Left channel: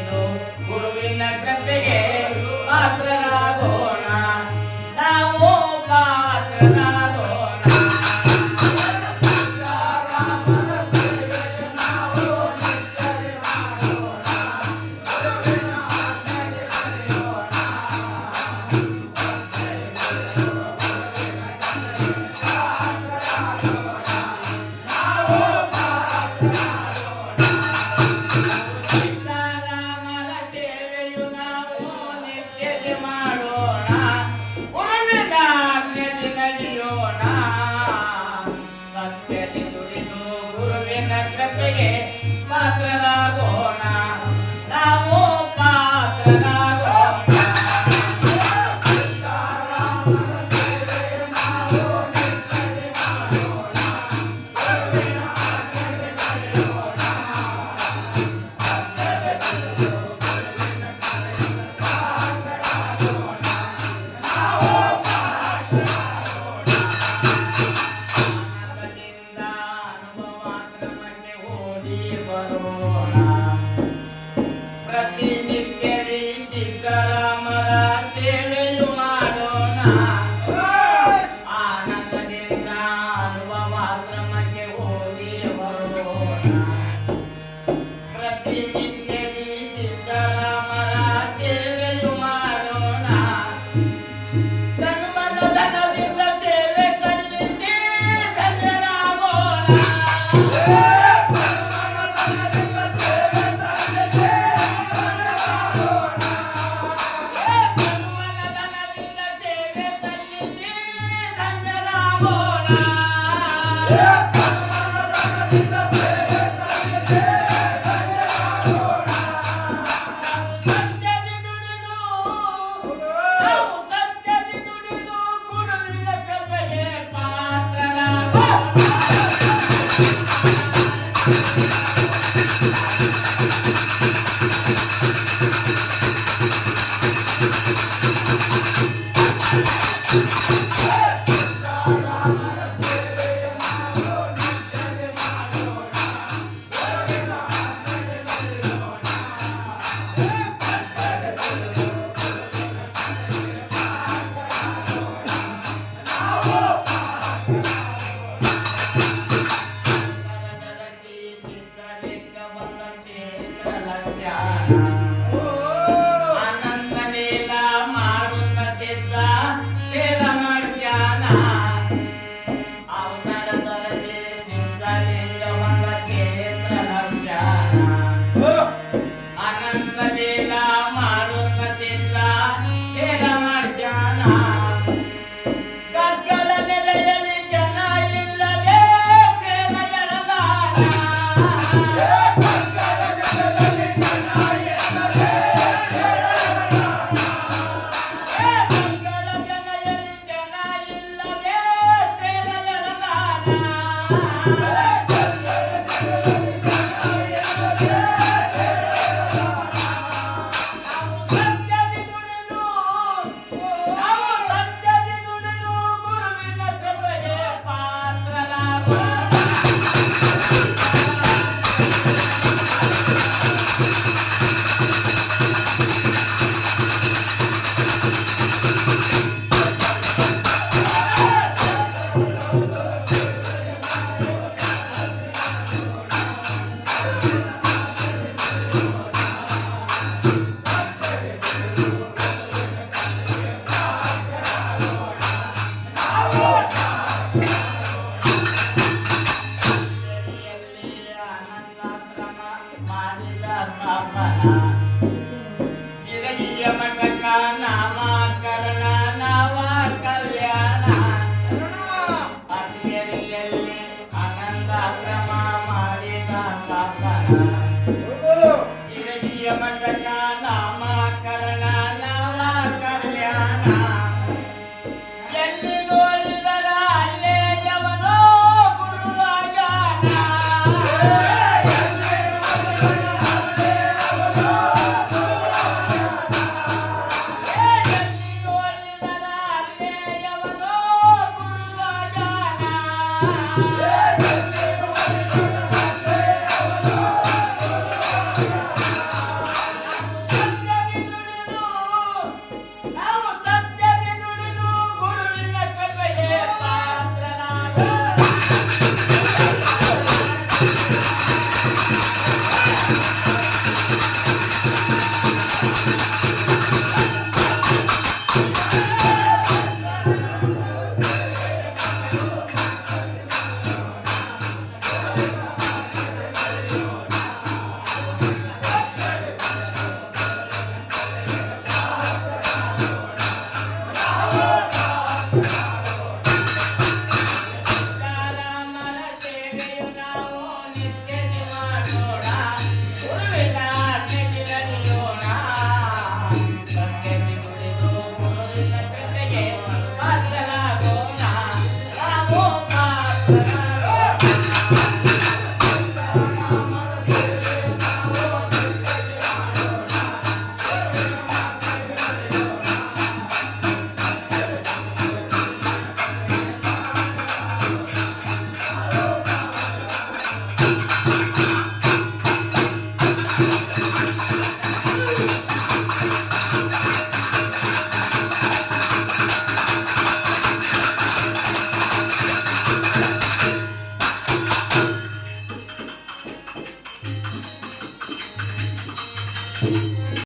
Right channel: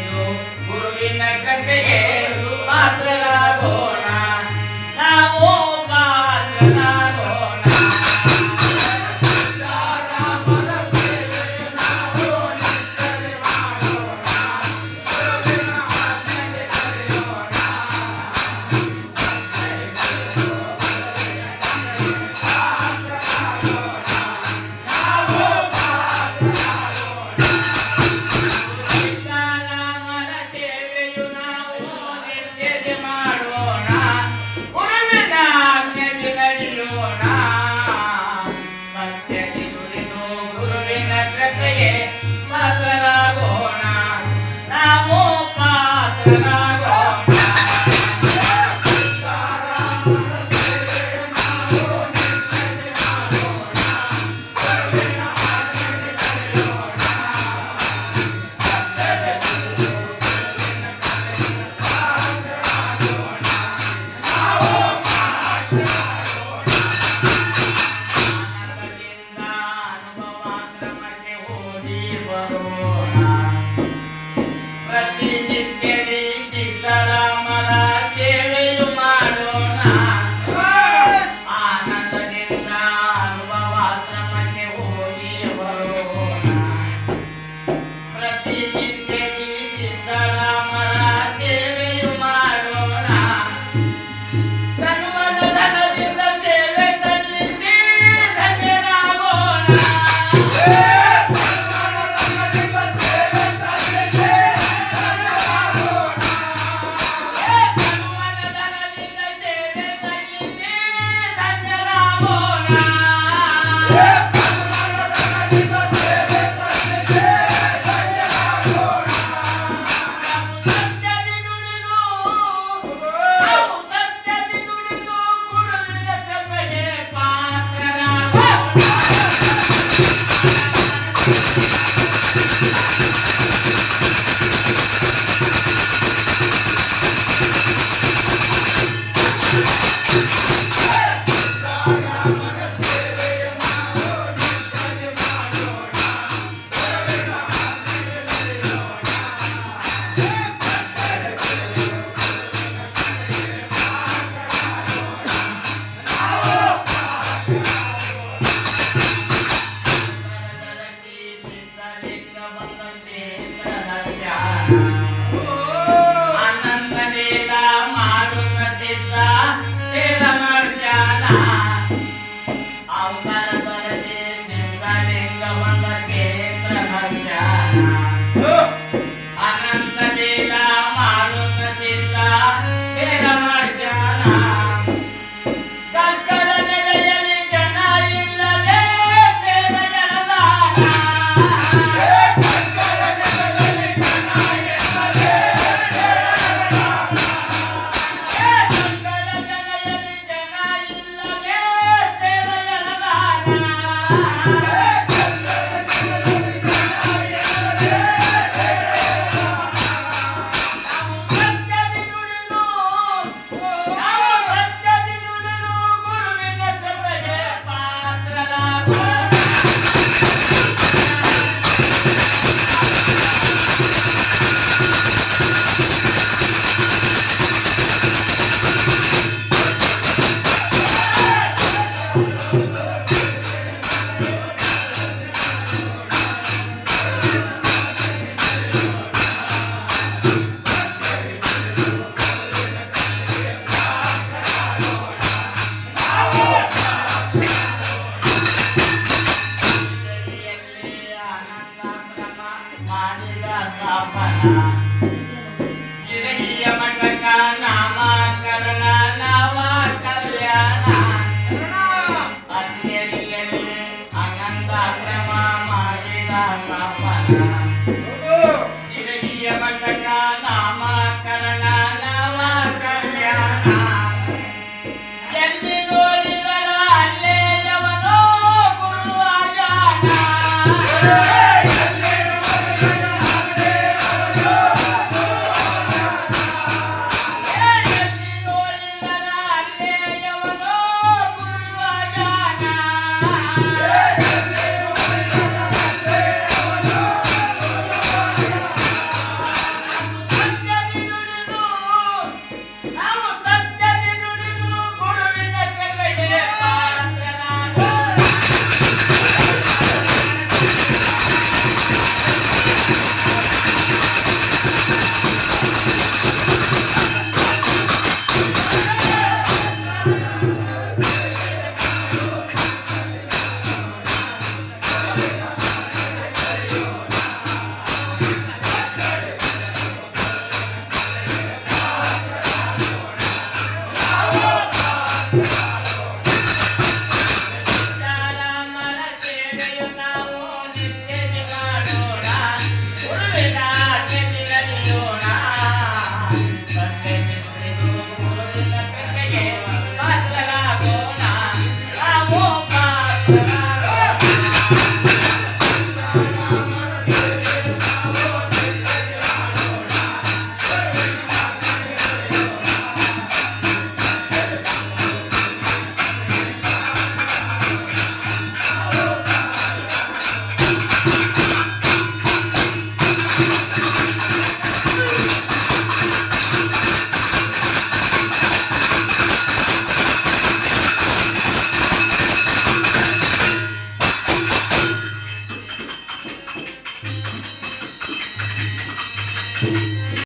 ದುಡಿದು ಗುರುವಿನ ಕೃಪೆಗೆ ಪಾತ್ರರಾಗೋಣ ನಾವು ಪಾತ್ರರಾಗೋಣ ರಾಮನ ಸೇವೆ ನಾವು ನಿತ್ಯವೇ ಮಾಡೋಣ ಗುರುವಿನ ಆಜ್ಞೆಗೆ ನಡೆಯೋಣ ಸೀತಾರಾಮರ ಸೇವೆಯು ನಾವು ನಿತ್ಯಕ್ಕೆ ಮಾಡೋಣ ಗುರುವಿನ ಆಜ್ಞೆಗೆ ನಡೆಯೋಣ ಸತ್ಯಕ್ಕೆ ದುಡಿದು ಗುರುವಿನ ಕೃಪೆಗೆ ಪಾತ್ರರಾಗೋಣ ನಾವು ಪಾತ್ರರಾಗೋಣ ಸೀತಾರಾಮರ ಸೇವೆ ನಾವು ನಿತ್ಯವೇ ಮಾಡೋಣ ಗುರುವಿನ ಆಜ್ಞೆಗೆ ನಡೆಯೋಣ ಆನಂದದಿಂದ ಅನುಭವಾಶ್ರಮಕ್ಕೆ ಹೋಗಿ ಬರೋಣ ಪ್ರತಿನಿತ್ಯವೇ ಸಿದ್ದರಾಮರ ಸೇವೆಯು ಮಾಡೋಣ ಆನಂದದಿಂದ ಅನುಭವಾಶ್ರಮಕ್ಕೆ ಹೋಗಿ ಬರೋಣ ಪ್ರತಿನಿತ್ಯವೇ ಸಿದ್ದರಾಮರ ಸೇವೆಯು ಮಾಡೋಣ ಧನದಿಂದ ಸೇವೆ ಸಲ್ಲಿಸಿ ಧನ್ಯರಾಗೋಣ ಧನದಿಂದ ಸೇವೆ ಸಲ್ಲಿಸಿ ಧನ್ಯರಾಗೋಣ ಸತ್ಯದಿ ನುಡಿದು ನಾವು ಸತ್ಯದಿ ನುಡಿದು ಗುರುವಿನ ಕೃಪೆಗೆ ಪಾತ್ರರಾಗೋಣ ಸಿದ್ಧಲಿಂಗ ಬಂದ ಕ್ಷೇತ್ರದ ಧ್ಯಾನ ಆನಂದ ವೇಲ ಮಾಡುತ್ತ ಸಿದ್ಧ ತೇರ ನಡೆಸ್ಯಾನ ಅವತಾರ ಬರಸಿ ಸಿದ್ಧಲಿಂಗ ಬಂದ ಕ್ಷೇತ್ರದ ಧ್ಯಾನ ಆನಂದ ವೇಲ ಮಾಡುತ್ತ ಸಿದ್ಧ ತೇರ ನಡೆಸ್ಯಾನ ಕಗ್ಗದ ನೆಲೆಯಲ್ಲಿ ಜನ ಇಲ್ಲದೆ ತೇರ ಎಳೆದಾನ ಗುರುವಿನ ಕೃಪೆಗೆ ಪಾತ್ರರಾಗೋಣ ಆನಂದಾಶ್ರಮ ಮಾಡಿದ ಸ್ಥಾಪನ ಜಿರಗಿಯ ಮಠಕ ನಾಮಕರಣ ನವ ಕಲ್ಯಾಣ ಅಜ್ಞೇರಿಯಲ್ಲಿ ಆನಂದಾಶ್ರಮ ಮಾಡಿದ ಸ್ಥಾಪನ ಜಿರಗಿಯ ಮಠಕ ನಾಮಕರಣ ನವ ಕಲ್ಯಾಣ ಎಲ್ಲಿ ನೋಡಿದರ ಅಲ್ಲೇ ಯವನೋ ಗುರುವಾಗ್ಯಾನ